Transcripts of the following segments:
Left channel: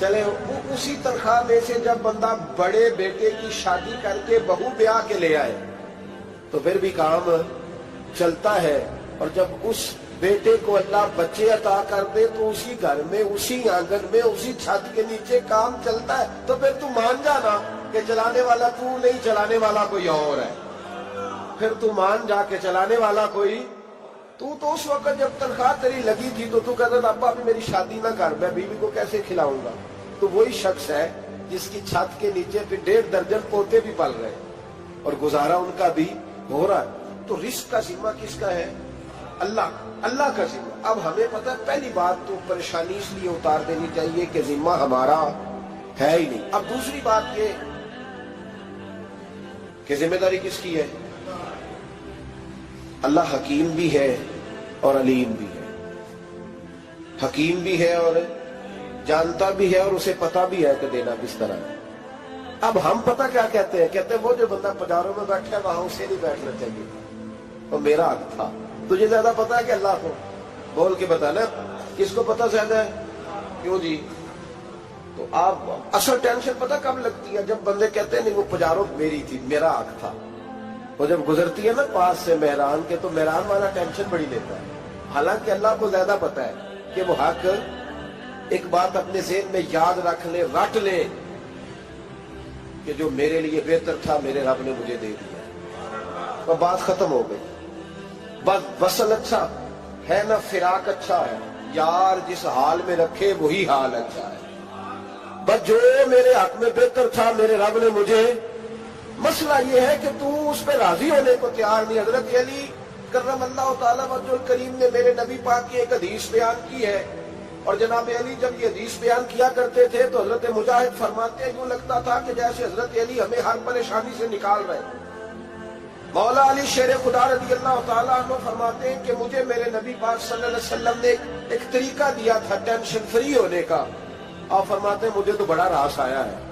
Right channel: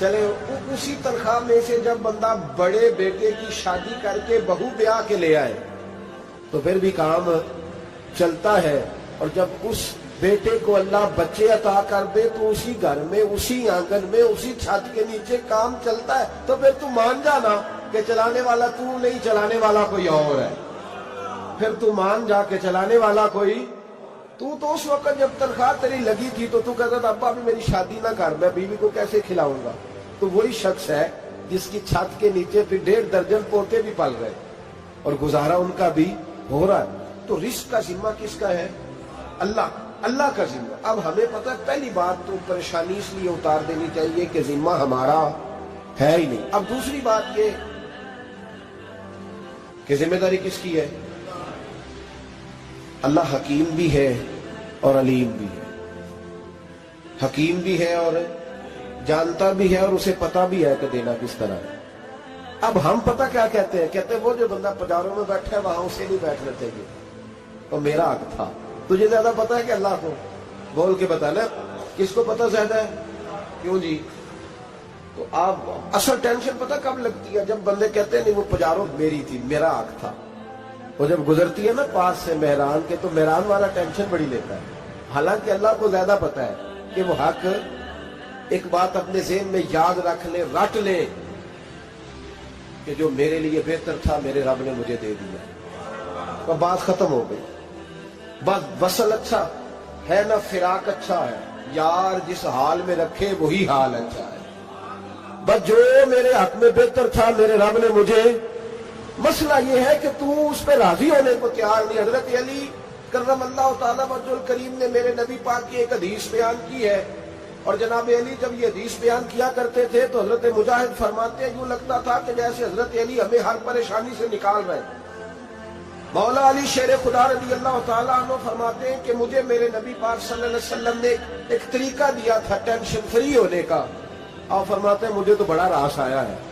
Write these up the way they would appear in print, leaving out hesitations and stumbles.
چلے اسی تنخواہ میں سے جب بندہ بڑے بیٹے کی شادی کر کے بہو بیاہ کے لے آئے تو پھر بھی کام چلتا ہے، اور جب اس بیٹے کو اللہ بچے عطا کر دے تو اسی گھر میں، اسی آنگن میں، اسی چھت کے نیچے کام چلتا ہے۔ تو پھر تو مان جانا کہ چلانے والا تو نہیں، چلانے والا کوئی اور ہے۔ پھر تو مان جا کے چلانے والا کوئی تو اس وقت جب تنخواہ تیری لگی تھی تو کہتا تھا ابا ابھی میری شادی نہ کر، میں بیوی کو کیسے کھلاؤں گا؟ تو وہی شخص ہے جس کی چھت کے نیچے پھر 1.5 درجن پوتے بھی پل رہے اور گزارا ان کا بھی ہو رہا ہے۔ تو رزق کا ذمہ کس کا ہے؟ اللہ کا ذمہ۔ اب ہمیں پتہ ہے پہلی بات تو پریشانی اس لیے اتار دینی چاہیے کہ ذمہ ہمارا ہے ہی نہیں۔ اب دوسری بات یہ کہ ذمہ داری کس کی ہے؟ اللہ حکیم بھی ہے اور علیم بھی ہے، حکیم بھی ہے اور جانتا بھی ہے اور اسے پتا بھی ہے کہ دینا کس طرح ہے۔ اب ہم پتہ کیا کہتے ہیں؟ کہتے ہیں وہ جو بندہ پجاروں میں بیٹھا ہے وہاں اسے نہیں بیٹھنا چاہیے، اور میرا حق تھا۔ تجھے زیادہ پتا ہے کہ اللہ کو؟ بول کے بتانا کس کو پتا زیادہ ہے؟ کیوں جی؟ تو آپ اصل ٹینشن پتہ کب لگتی ہے؟ جب بندے کہتے ہیں نہیں وہ پجاروں میری تھی، میرا حق تھا۔ وہ جب گزرتی ہے نا پاس سے مہران کے تو مہران والا ٹینشن بڑی لیتا ہے، حالانکہ اللہ کو زیادہ پتا ہے کہ وہ حق۔ ایک بات اپنے ذہن میں یاد رکھ لیں، رٹ لیں کہ جو میرے لیے بہتر تھا میرے رب نے مجھے دے دیا، اور بات ختم ہو گئی۔ بس وصل اچھا ہے نا فراق اچھا ہے، یار جس حال میں رکھے وہی حال اچھا ہے۔ بس جو میرے حق میں بہتر تھا میرے رب نے مجھے، مسئلہ یہ ہے کہ تو اس پہ راضی ہونے کو تیار نہیں۔ حضرت علی کرم اللہ تعالیٰ وجہ الکریم نے میرے نبی پاک کی ایک حدیث بیان کی ہے، اور جناب علی جب یہ حدیث بیان کیا کرتے تھے تو حضرت مجاہد فرماتے ہیں یوں لگتا تھا کہ جیسے حضرت علی ہمیں ہر پریشانی سے نکال رہے ہیں۔ مولا علی شیر خدا رضی اللہ تعالیٰ عنہ فرماتے ہیں کہ مجھے میرے نبی پاک صلی اللہ علیہ وسلم نے ایک طریقہ دیا تھا ٹینشن فری ہونے کا، اور فرماتے ہیں مجھے تو بڑا راس آیا ہے،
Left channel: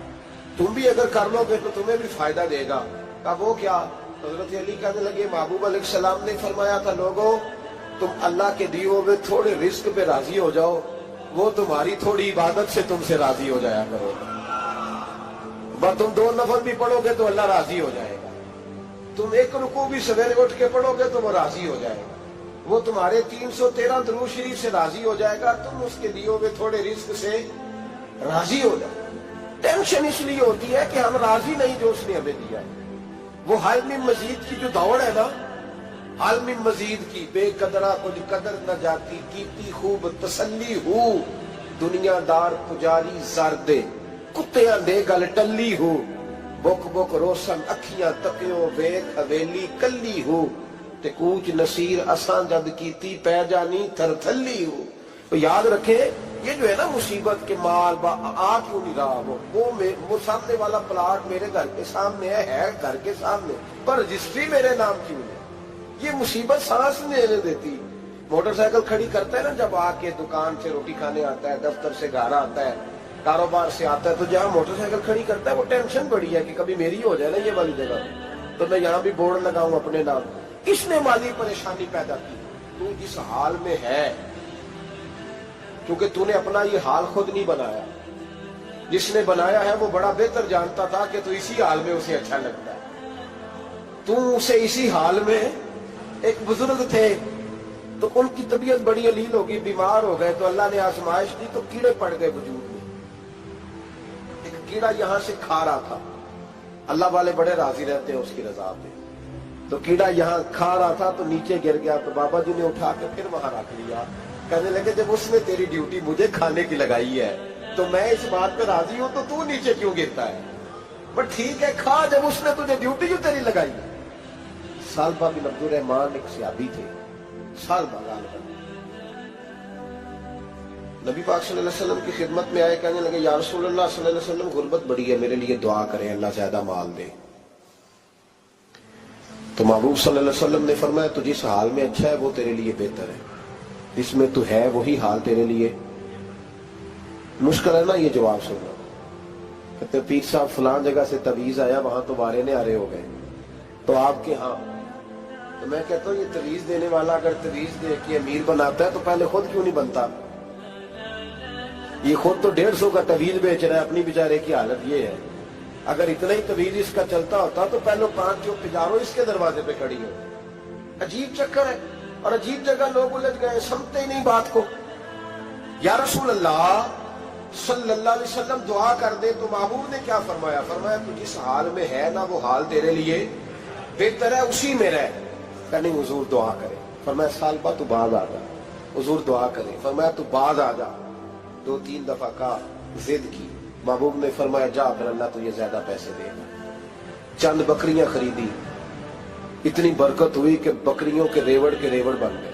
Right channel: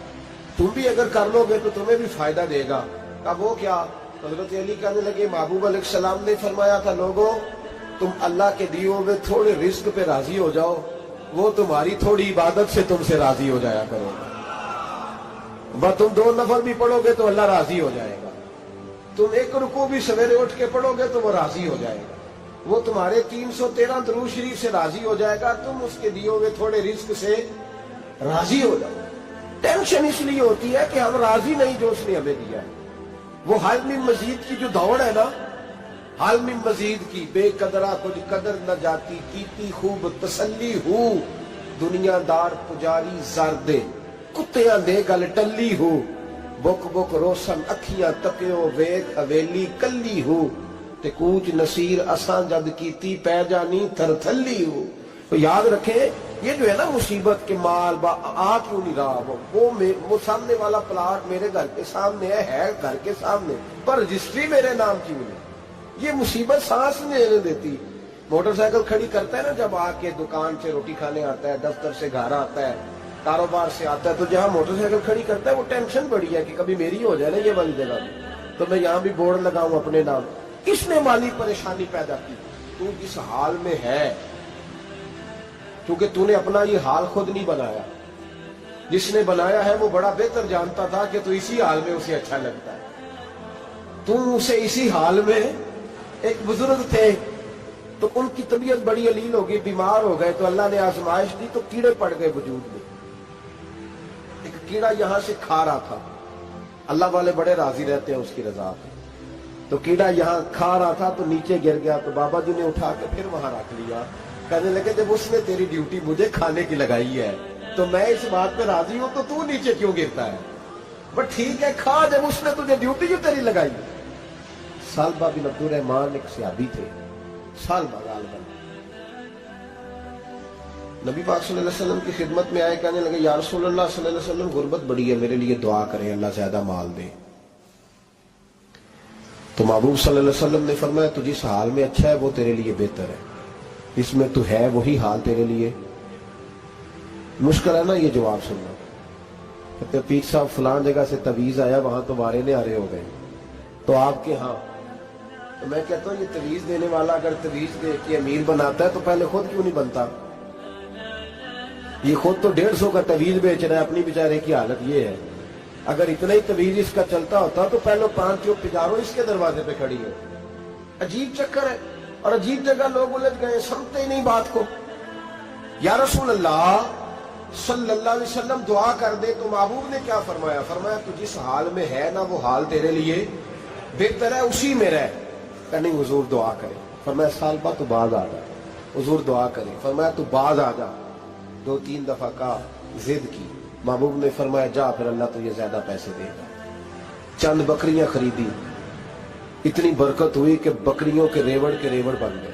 تم بھی اگر کر لو گے تو تمہیں بھی فائدہ دے گا۔ کہا وہ کیا؟ حضرت علی کہنے لگے محبوب علیہ السلام نے فرمایا تھا لوگوں تم اللہ کے دیے ہوئے تھوڑے رزق پہ راضی ہو جاؤ، وہ تمہاری تھوڑی عبادت سے تم سے راضی ہو جایا کرو گا۔ بس تم 2 نفل بھی پڑھو گے تو اللہ راضی ہو جائے گا، تم 1 رکوع بھی سویرے اٹھ کے پڑھو گے تو وہ راضی ہو جائے گا، وہ تمہارے 313 درود شریف سے راضی ہو جائے گا، تم اس کے دیے ہوئے تھوڑے رزق سے راضی ہو جاؤ۔ ٹینشن اس لیے ہوتی ہے کہ ہم راضی نہیں جو اس نے ہمیں دیا ہے۔ وہ حال میں مزید کی جو دوڑ ہے نا، حال میں مزید کی، بے قدرہ کچھ قدر نہ جاتی، کیتی خوب تسلی ہو، دنیا دار پجاری زردے، کتیاں دے گل ٹلی ہو، بک بک روشن اکھیاں تکیو ویک حویلی کلی ہو، تے کوچ نصیر اساں جد کیتی پہ جانی تھر تھلی ہو۔ تو یاد رکھیں یہ جو ہے نا مصیبت کے مال آ کیوں نہیں رہا، وہ سامنے والا پلاٹ میرے گھر کے سامنے ہے گھر کے سامنے، پر رجسٹری میرے نام کیوں نہیں؟ یہ مصیبت سانس نہیں لینے دیتی۔ موٹر سائیکل کھڑی کرتا ہے نا جب آ کے دکان سے روٹی کھانے آتا ہے، دفتر سے گھر آتا ہے، کاروبار سے آتا ہے، تو جہاں موٹر سائیکل کھڑی کرتا ہے وہ ٹینشن بڑی ہے کہ کبھی میری ہو جائے نا یہ والی جگہ، تو میں یہاں بھی بورڈ لگاؤں اپنے نام۔ اس نے مالی پریشانی پیدا کی۔ تو جس حال میں ہے، کیونکہ تو نے اپنا یہ حال خود نہیں بنایا، جس نے بنایا ہے وہ بڑا بہتر جانتا تھا کہ تو اسی حال میں اسے اچھا لگتا ہے۔ تو اسے اسی حال میں، ایک بزرگ تھے تو ان کی طبیعت بڑی علیل ہو گئی، بیمار ہو گئے، تو اللہ نے آزمائش دی تو کیڑے پڑ گئے وجود میں۔ ایک کیڑا یہاں سے کھا رہا تھا، اللہ والے بڑے راضی رہتے ہیں اس کی رضا پہ، تو کیڑا یہاں کھا رہا تھا تو نیچے گر گیا، تو بابا جی نے اٹھا کے پھر وہاں رکھ لیا، کہنے لگے جب اس نے تیری ڈیوٹی مجھے کھانے کی لگائی ہے تو میں اس بات پہ راضی ہوں، تو نیچے کیوں گرتا ہے؟ بٹ ٹھیک ہے کھا، جب اس نے تجھے ڈیوٹی جو تیری لگائی ہے۔ سالبہ بن عبد الرحمان ایک صحابی تھے، سالبہ غالباً نبی پاک صلی اللہ علیہ وسلم کی خدمت میں آئے، کہنے لگے یا رسول اللہ صلی اللہ علیہ وسلم غربت بڑی ہے، میرے لیے دعا کریں اللہ زیادہ مال دے۔ تو محبوب صلی اللہ علیہ وسلم نے فرمایا تو جس حال میں اچھا ہے وہ تیرے لیے بہتر ہے، اس میں تو ہے وہی حال تیرے لیے۔ مشکل ہے نا یہ جواب سننا۔ کہتے پیر صاحب فلان جگہ سے تویز آیا، وہاں تو وارے نے آرے ہو گئے، تو آپ کے ہاں؟ تو میں کہتا ہوں یہ تویز دینے والا اگر تویز دے کے امیر بناتا ہے تو پہلے خود کیوں نہیں بنتا؟ یہ خود تو 150 کا طویل بیچ رہا ہے، اپنی بیچارے کی حالت یہ ہے. اگر اتنا ہی طویل اس کا چلتا ہوتا تو پہلے 5 جو پجاروں اس کے دروازے پہ کھڑی ہو. عجیب چکر ہے اور عجیب جگہ لوگ الجھ گئے، سمجھتے ہی نہیں بات کو. یا رسول اللہ صلی اللہ علیہ وسلم دعا کر دے تو محبوب نے کیا فرمایا؟ فرمایا تو جس حال میں ہے نا وہ حال تیرے لیے بہتر ہے، اسی میں رہ. کہ نہیں حضور دعا کرے. فرمایا سال بعد تو بعد آ جا. حضور دعا کرے. فرمایا تو بعد آ جا. 2-3 دفعہ کا ضد کی. محبوب نے فرمایا جا پھر اللہ تجھے زیادہ پیسے دے گا. چند بکریاں خریدی، اتنی برکت ہوئی کہ بکریوں کے ریوڑ بن گئے.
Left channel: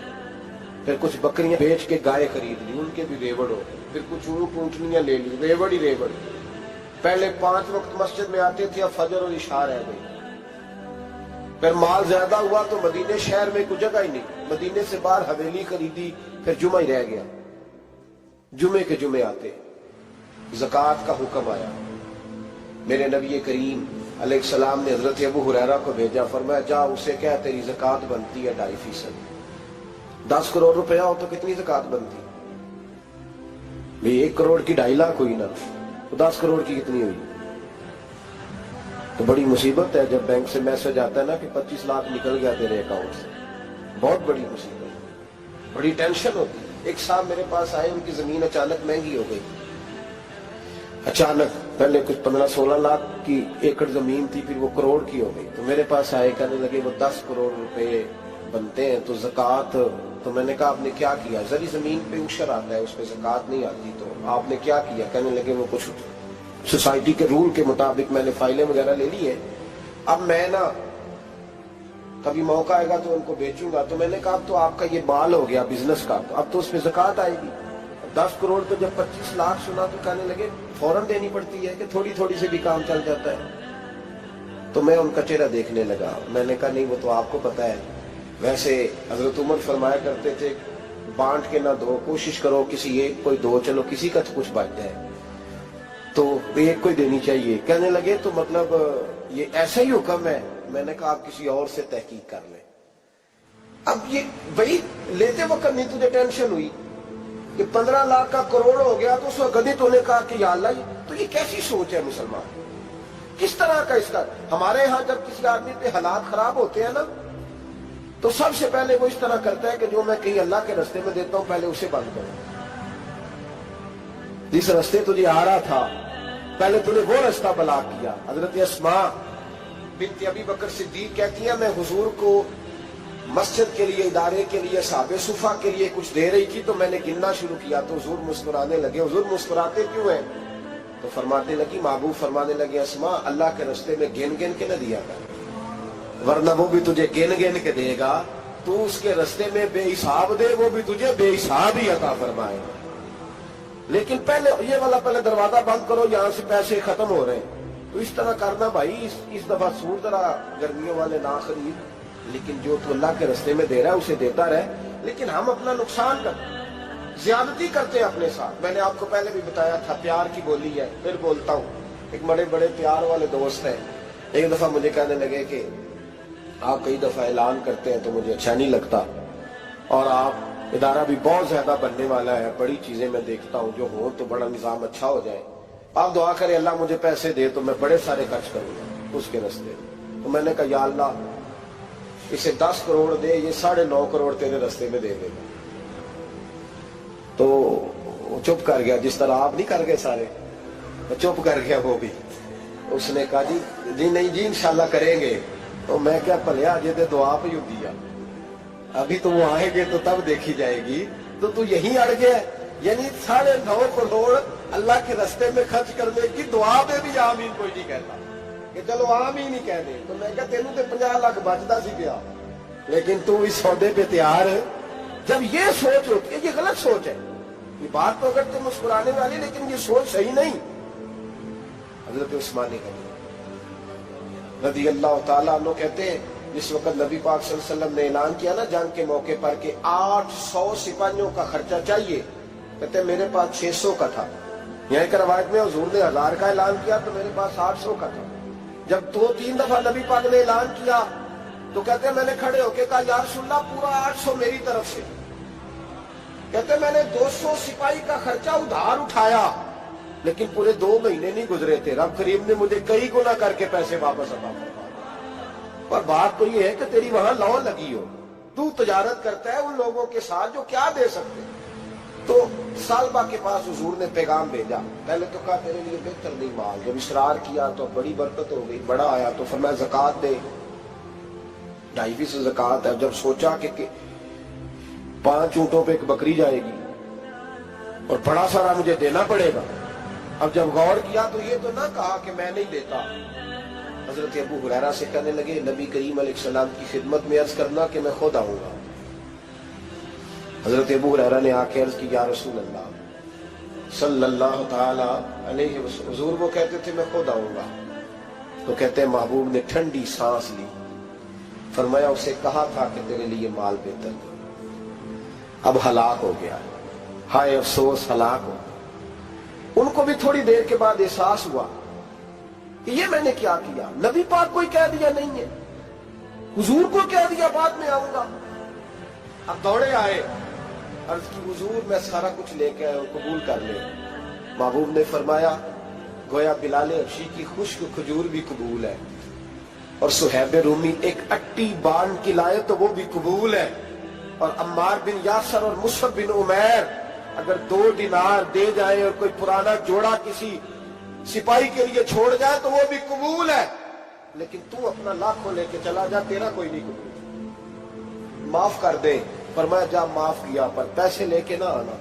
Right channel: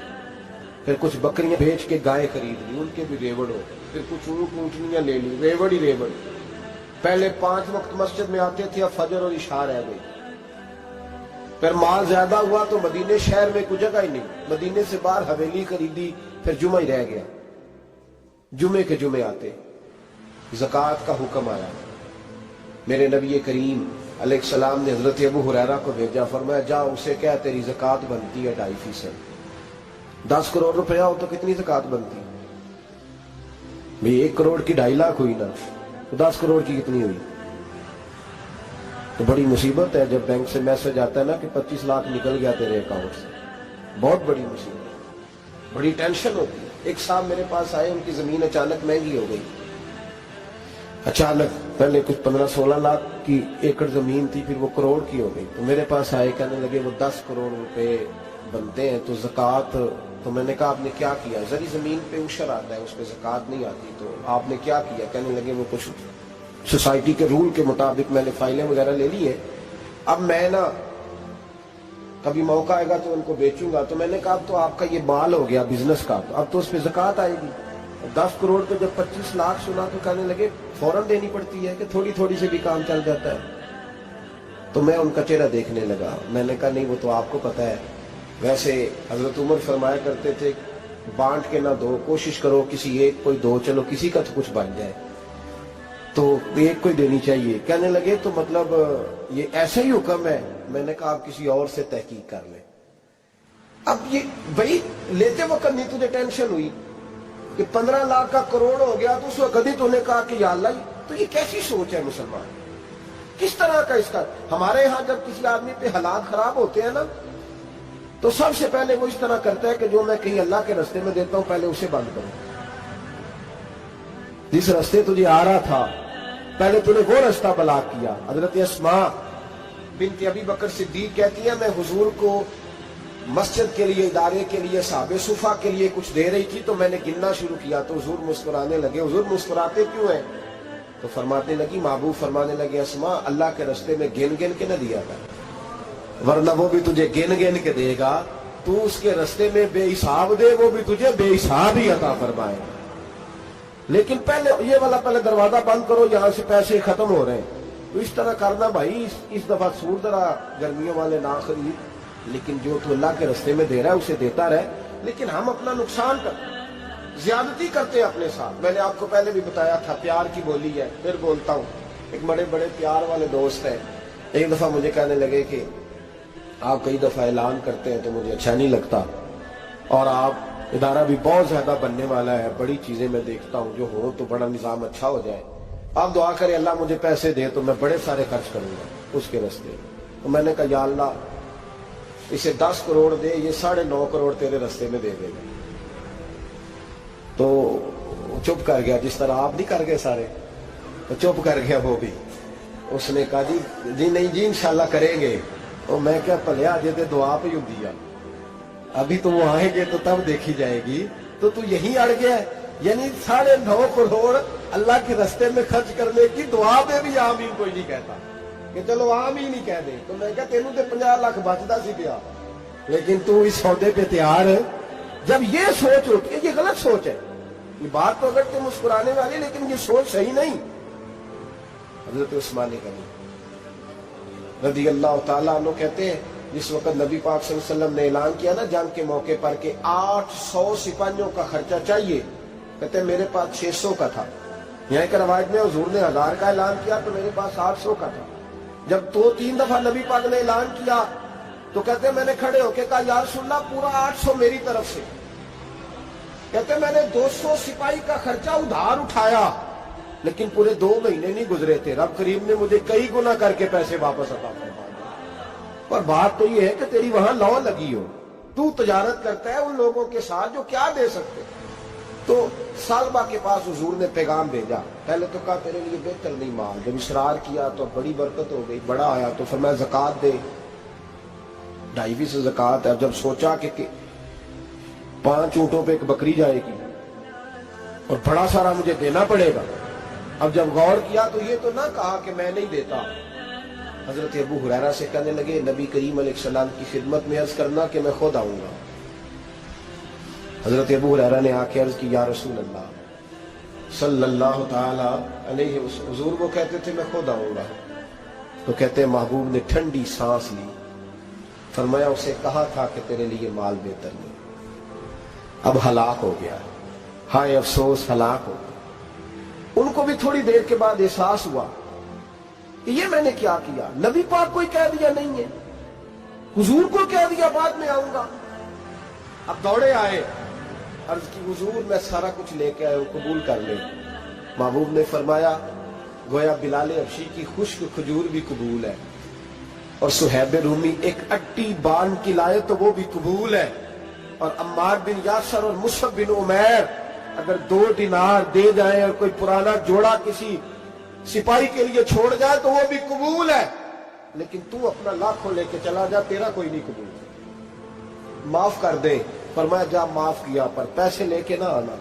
پھر کچھ بکریاں بیچ کے گائے خرید لی، ان کے بھی ریوڑ ہو گئے. پھر کچھ اونٹنیاں لے لی، ریوڑ ہی ریوڑ. پہلے 5 وقت مسجد میں آتے تھے، اب فجر اور عشاء رہ گئی. پھر مال زیادہ ہوا تو مدینے شہر میں کوئی جگہ ہی نہیں، مدینے سے باہر حویلی خریدی. پھر جمعہ ہی رہ گیا. جمعے کے جمعے آتے زکوٰۃ کا حکم آیا. میرے نبی کریم علیہ السلام نے حضرت ابو ہریرہ کو بھیجا. فرمایا جا اسے کہہ تیری زکوٰۃ بنتی ہے 2.5%. 10 کروڑ روپیہ ہو تو کتنی زکوٰۃ بنتی؟ بھئی 1 کروڑ کی 2.5 لاکھ ہوئی نا، تو 10 کروڑ کی کتنی ہوئی؟ تو بڑی مصیبت ہے جب بینک سے میسج آتا ہے نا کہ 25 لاکھ نکل گیا تیرے اکاؤنٹ سے. بہت بڑی مصیبت، بڑی ٹینشن ہوتی ہے. ایک صاحب میرے پاس آئے، ان کی زمین اچانک مہنگی ہو گئی. اچانک پہلے کچھ 15-16 لاکھ کی ایکڑ زمین تھی، پھر وہ کروڑ کی ہو گئی. تو میرے پاس آئے، کہنے لگے وہ 10 کروڑ روپے بنتے ہیں تو زکوٰۃ. تو میں نے کہا آپ نے کیا کیا؟ زری زمین پہ عشر آتا ہے، اس پہ زکوٰۃ نہیں آتی، تو آپ نے کیا کیا؟ کہنے لگے وہ کچھ سوسائٹی کے رول کے مطابق میں نے فائلیں وغیرہ لے لی ہیں، اب میں نا کبھی موقع آئے گا تو ان کو بیچوں گا. تو میں نے کہا اب تو آپ کا یہ مال ہو گیا بزنس کا، تو اب تو اس پہ زکوٰۃ آئے گی. 10 کروڑ تو جب 25 لاکھ سنا تو کہنے لگے فوراً دینی پڑتی ہے کہ تھوڑی تھوڑی سے بھی کام چل جاتا ہے. تو میں ان کا چہرہ دیکھنے لگا. میں نے کہا نہیں وہ تو آپ کو پتا ہے. ویسے حضرت عمر فرمایا کرتے تھے بانٹ کے نہ دو، کوشش کرو کسی ایک کو دو، چلو کسی کا تو کچھ بن جائے. تو ایک کو ہی دینی چاہیے. کہنے لگے تو مطلب یہ ایسا ہی حکم ہے؟ میں نے کہا آپ کسی اور سے تحقیق کر لیں. اب یہ بھائی لیتے وقت نہیں تجھے ٹینشن ہوئی کہ 15 لاکھ کا کروڑ ہو گیا تو اس وقت کبھی تو نے کہا کہ یا اللہ تو یہ کیسی سوچ ہے مسلمان؟ کس طرح کا اس کا؟ ہمارے ہاں جب کسی آدمی پہ حالات خراب ہوتے ہیں نا تو سب سے پہلے وہ اس طرح کرتا ہے کہ جو میں کہیں اللہ کے رستے میں دیتا ہوں پہلے اسے بند کروں. جس رستے تجھے آ رہا تھا پہلے تو نے وہ رستہ بلاک کیا. حضرت اسماء بنت ابی بکر صدیق کہتی ہیں میں حضور کو مسجد کے لیے، ادارے کے لیے، صحابہ صفا کے لیے کچھ دے رہی تھی تو میں نے گننا شروع کیا تو حضور مسکرانے لگے. حضور مسکراتے کیوں ہیں؟ تو فرمانے لگی، محبوب فرمانے لگے اسماء اللہ کے رستے میں گن گن کے نہ دیا کر، ورنہ وہ بھی تجھے گن گن کے دے گا. تو اس کے رستے میں بے حساب دے، وہ بھی تجھے بے حساب ہی عطا فرمائے. لیکن پہلے یہ والا پہلے دروازہ بند کرو، یہاں سے پیسے ختم ہو رہے ہیں. تو اس طرح کرنا بھائی. اس دفعہ سوٹ ذرا گرمیوں والے نہ خرید، لیکن جو تو اللہ کے رستے میں دے رہا ہے اسے دیتا رہے. لیکن ہم اپنا نقصان کرتے ہیں، زیادتی کرتے ہیں اپنے ساتھ. میں نے آپ کو پہلے بھی بتایا تھا پیار کی بولی ہے، پھر بولتا ہوں. ایک بڑے بڑے پیار والے دوست ہیں، ایک دفعہ مجھے کہنے لگے کہ آپ کئی دفعہ اعلان کرتے ہیں تو مجھے اچھا نہیں لگتا، اور آپ ادارہ بھی بہت زیادہ بننے والا ہے، بڑی چیزیں میں دیکھتا ہوں جو ہوں تو بڑا نظام اچھا ہو جائے. آپ دعا کریں اللہ مجھے پیسے دے تو میں بڑے سارے خرچ کروں گا اس کے رستے. تو میں نے کہا یا اللہ اسے 10 کروڑ دے، یہ 9.5 کروڑ تیرے رستے میں دے دے گا. تو چپ کر گیا، جس طرح آپ نہیں کر گئے سارے، تو چپ کر گیا وہ بھی. اس نے کہا جی نہیں جی انشاءاللہ کریں گے. تو میں کیا پلیا جی تے دعا پہ ہوں دیا، ابھی تو وہ آئیں گے تو تب دیکھی جائے گی. تو یہیں اڑ گیا. یعنی 9.5 کروڑ اللہ کے رستے میں خرچ کرنے کی دعا پہ بھی آمین کوئی نہیں کہتا کہ چلو آمین ہی کہہ دے. تو میں کہا تینوں تے 50 لاکھ بچتا سی گیا، لیکن تو اس سودے پہ تیار ہے. جب یہ سوچ ہوتی ہے، یہ غلط سوچ ہے. یہ بات تو اگر تم مسکرانے والی، لیکن یہ سوچ صحیح نہیں. حضرت عثمان غنی رضی اللہ تعالیٰ عنہ کہتے ہیں جس وقت نبی پاک صلی اللہ علیہ وسلم نے اعلان کیا نا جنگ کے موقع پر کہ 800 سپاہیوں کا خرچہ چاہیے، کہتے ہیں میرے پاس 600 کا تھا. یہاں ایک روایت میں حضور نے 1000 کا اعلان کیا تو میرے پاس 800 کا تھا. جب 2-3 دفعہ نبی پاک نے اعلان کیا تو کہتے ہیں میں نے کھڑے ہو کے کہا یا رسول اللہ پورا 800 میری طرف سے. کہتے میں نے 200 سپاہی کا خرچہ ادھار اٹھایا لیکن پورے 2 مہینے نہیں گزرے تھے، رب کریم نے مجھے کئی گنا کر کے پیسے واپس عطا فرما دیے۔ اور بات تو یہ ہے کہ تیری وہاں لو لگی ہو، تو تجارت کرتا ہے ان لوگوں کے ساتھ جو کیا دے سکتے۔ تو سالبہ کے پاس حضور نے پیغام بھیجا، پہلے تو کہا تیرے لیے بہتر نہیں مال، جب اصرار کیا تو بڑی برکت ہو گئی، بڑا آیا تو فرمایا زکوٰۃ دے، 2.5 زکوٰۃ ہے۔ جب سوچا کہ 5 اونٹوں پہ ایک بکری جائے گی اور بڑا سارا مجھے دینا پڑے گا، اب جب غور کیا تو یہ تو نہ کہا کہ میں نہیں دیتا۔ حضرت ابو ہریرہ سے کہنے لگے نبی کریم علیہ السلام کی خدمت میں عرض کرنا کہ میں خود آؤں گا۔ حضرت ابو ہریرہ نے آ کے عرض کی یا رسول اللہ صلی اللہ تعالی علیہ وسلم، حضور وہ کہتے تھے میں خود آؤں گا، تو کہتے ہیں محبوب نے ٹھنڈی سانس لی، فرمایا اسے کہا تھا کہ تیرے لیے مال بہتر نہیں، اب ہلاک ہو گیا، ہائے افسوس ہلاک ہو گیا۔ ان کو بھی تھوڑی دیر کے بعد احساس ہوا کہ یہ میں نے کیا کیا، نبی پاک کوئی کہہ دیا نہیں ہے، حضور کو کہہ دیا بعد میں آؤں گا۔ اب دوڑے آئے، عرض کی حضور میں سارا کچھ لے کے آئے ہوں، قبول کر لیں۔ محبوب نے فرمایا گویا بلال حبشی کی خشک کھجور بھی قبول ہے، اور صہیب رومی ایک اٹی بان کی لائے تو وہ بھی قبول ہے، اور عمار بن یاسر اور مصعب بن عمیر اگر 2 دینار دے جائیں اور کوئی پرانا جوڑا کسی سپاہی کے لیے چھوڑ جائے تو وہ بھی قبول ہے، لیکن تو اپنا لاکھوں لے کے چلا جا، تیرا کوئی نہیں قبول، معاف کر دیں۔ فرمایا جا معاف کیا، پر پیسے لے کے نہ آنا۔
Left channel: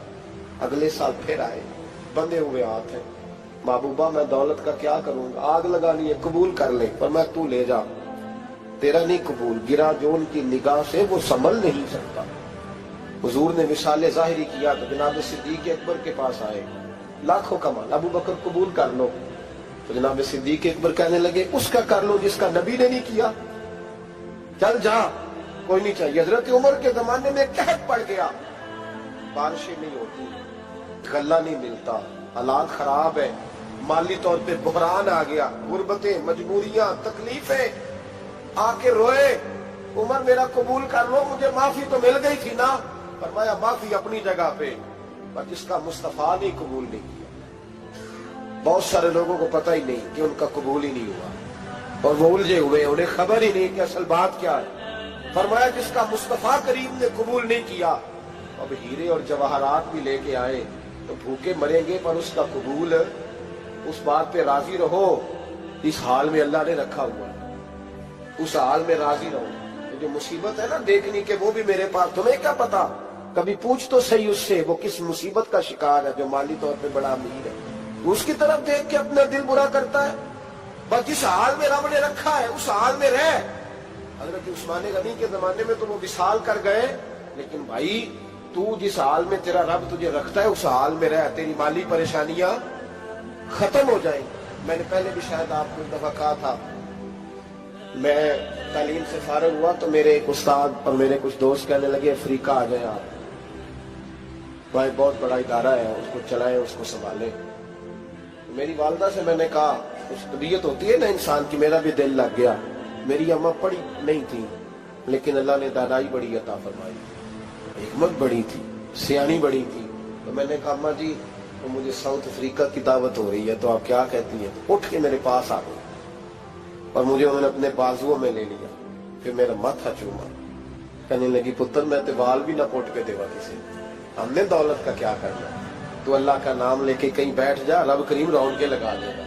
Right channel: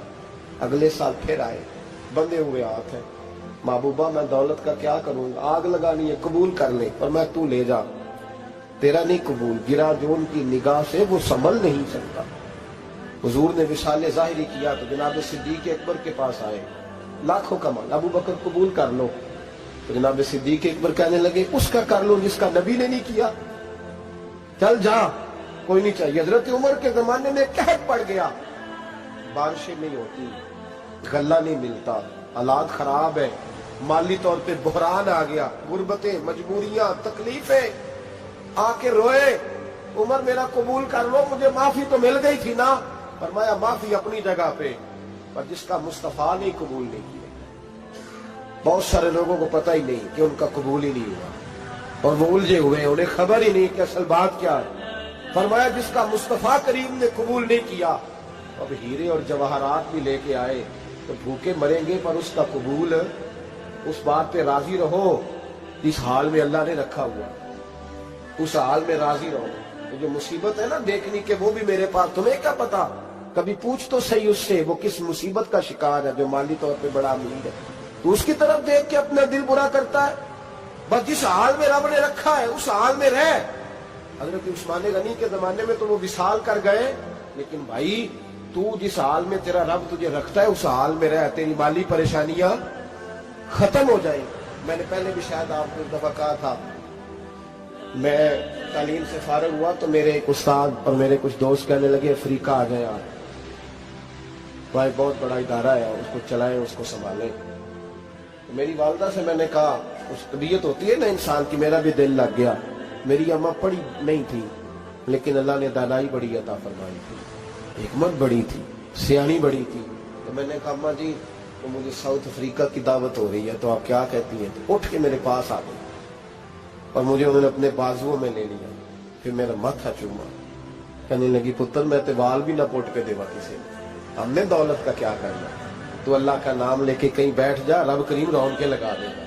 اگلے سال پھر آئے، بندے ہوئے ہاتھ ہیں، محبوبہ میں دولت کا کیا کروں گا، آگ لگانی ہے، قبول کر لیں۔ فرمایا تو لے جا، تیرا نہیں قبول، گرا جو ان کی نگاہ سے وہ سنبھل نہیں سکتا۔ حضور نے وصال ظاہری کیا تو جناب صدیق اکبر کے پاس آئے، لاکھوں کا مال، ابو بکر قبول کر لو، تو جناب صدیق اکبر کہنے لگے اس کا کر لو جس کا نبی نے نہیں کیا، چل جا کوئی نہیں چاہیے۔ حضرت عمر کے زمانے میں قحط پڑ گیا، بارشیں نہیں ہوتی، غلہ نہیں ملتا، حالات خراب ہے، مالی طور پہ بحران آ گیا، غربتیں، مجبوریاں، تکلیفیں، آ کے روئے، عمر میرا قبول کر لو، مجھے معافی تو مل گئی تھی نا۔ فرمایا معافی اپنی جگہ پہ، پر جس کا مصطفیٰ نے قبول نہیں کیا۔ بہت سارے لوگوں کو پتہ ہی نہیں کہ ان کا قبول ہی نہیں ہوا، اور وہ الجھے ہوئے، انہیں خبر ہی نہیں کہ اصل بات کیا ہے۔ فرمایا جس کا مصطفیٰ کریم نے قبول نہیں کیا، اب ہیرے اور جواہرات بھی لے کے آئے تو بھوکے مریں گے، پر اس کا قبول، اس بات پہ راضی رہو، اس حال میں اللہ نے رکھا ہوا، اس حال میں راضی رہو۔ جو مصیبت ہے نا دیکھنی کہ وہ بھی میرے پاس، تمہیں کیا پتا، کبھی پوچھ تو صحیح اس سے وہ کس مصیبت کا شکار ہے، جو مالی طور پہ بڑا امیر ہے، تو اس کی طرف دیکھ کے اپنا دل برا کرتا ہے۔ بس جس حال میں رب نے رکھا ہے اس حال میں رہ۔ حضرت عثمان غنی کے زمانے میں تو وہ وصال کر گئے، لیکن بھائی تو جس حال میں تیرا رب تجھے رکھتا ہے اس حال میں رہ، تیری مالی پریشانیاں ختم ہو جائیں۔ میں نے پہلے بھی شاید آپ کو ایک دفعہ کہا تھا، میں تعلیم سے فارغ ہوا تو میرے ایک استاد اور میرے کچھ دوست کہنے لگے افریقہ آ جائیں آپ، بھائی بہت بڑا ادارہ ہے، اس کو چلائیں، اس کو سنبھالیں۔ تو میری والدہ سے میں نے کہا، اس طبیعت ہوتی ہے نا انسان کی، میرا بھی دل لگ گیا۔ میری اماں پڑھی نہیں تھی لیکن اللہ نے دانائی بڑی عطا فرمائی، حکمت بڑی تھی، سیانی بڑی تھی۔ تو میں نے کہا اماں جی تو مجھے ساؤتھ افریقہ کی دعوت ہو رہی ہے تو آپ کیا کہتی ہیں؟ تو اٹھ کے میرے پاس آ گئی اور مجھے انہوں نے اپنے بازوؤں میں لے لیا، پھر میرا ماتھا چوما، کہنے لگی پتر میں تے وال بھی نہ پوٹ پہ دیوا کسی، ہم نے دولت کا کیا کرنا، تو اللہ کا نام لے کے کہیں بیٹھ جا، رب کریم رون کے لگا دے گا،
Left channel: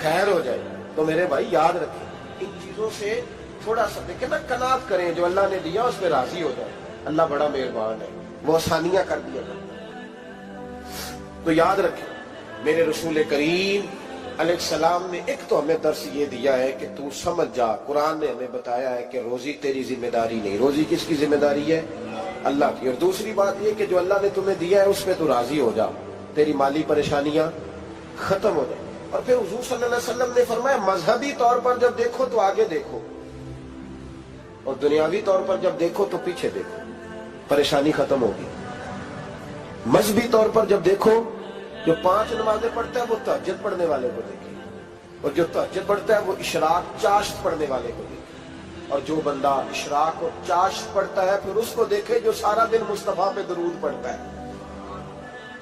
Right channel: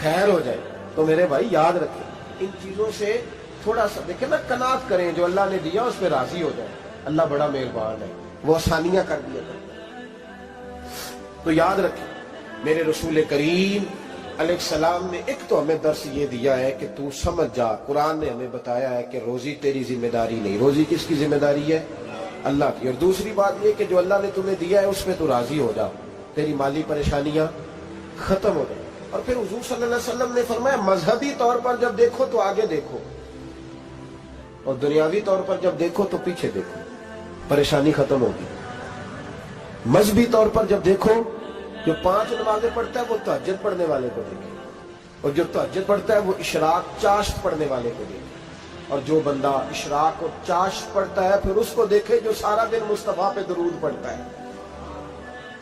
خیر ہو جائے۔ تو میرے بھائی یاد رکھیں ان چیزوں سے تھوڑا سا دیکھیں نا، قناعت کریں، جو اللہ نے دیا اس پہ راضی ہو جائے، اللہ بڑا مہربان ہے، وہ آسانیاں کر دیا کرتا ہے۔ تو یاد رکھیں میرے رسول کریم علیہ السلام نے ایک تو ہمیں درس یہ دیا ہے کہ تو سمجھ جا، قرآن نے ہمیں بتایا ہے کہ روزی تیری ذمہ داری نہیں، روزی کس کی ذمہ داری ہے؟ اللہ کی۔ اور دوسری بات یہ کہ جو اللہ نے تمہیں دیا ہے اس پہ تو راضی ہو جا، تیری مالی پریشانیاں ختم ہو جائیں۔ اور پھر حضور صلی اللہ علیہ وسلم نے فرمایا مذہبی طور پر جب دیکھو تو آگے دیکھو، اور دنیاوی طور پر جب دیکھو تو پیچھے دیکھو، پریشانی ختم ہوگی۔ مذہبی طور پر جب دیکھو، جو 5 نمازیں پڑھتا ہے وہ تہجد پڑھنے والے کو دیکھے، اور جو تہجد پڑھتا ہے وہ اشراق چاشت پڑھنے والے کو دیکھے، اور جو بندہ اشراق اور چاشت پڑھتا ہے پھر اس کو دیکھے جو سارا دن مصطفیٰ پہ درود پڑھتا ہے۔